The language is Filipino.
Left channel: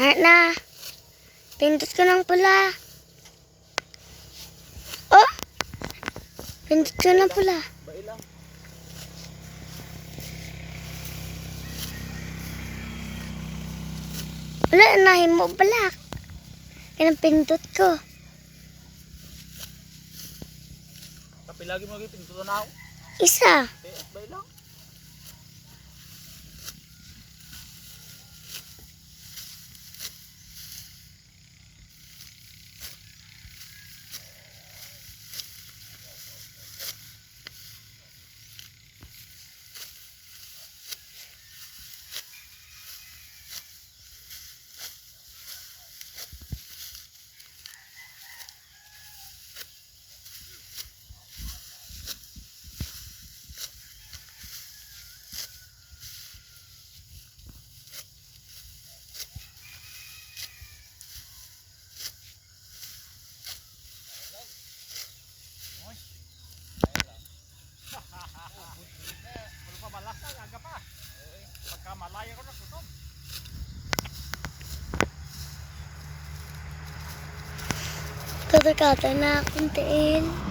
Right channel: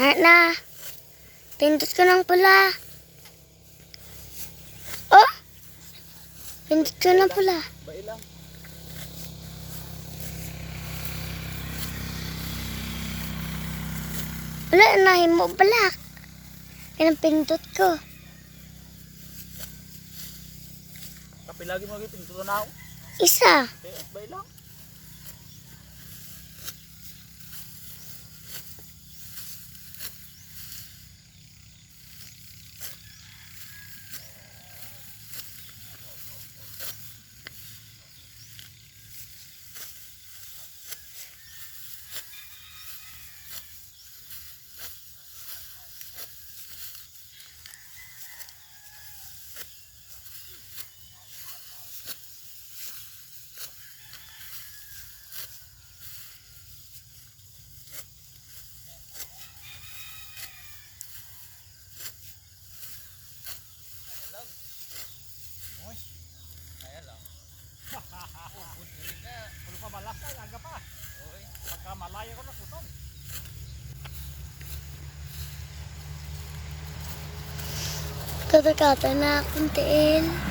Hanap na. Pindot ko ng pula. Oh! Pindot ko ng pula. Bai lang. Wala, nahin mo balak. Yan ang pindot ko. Tapi lagi mo lagi pinto na ako. Isa. Bai lang. Tatakata na akong tiin.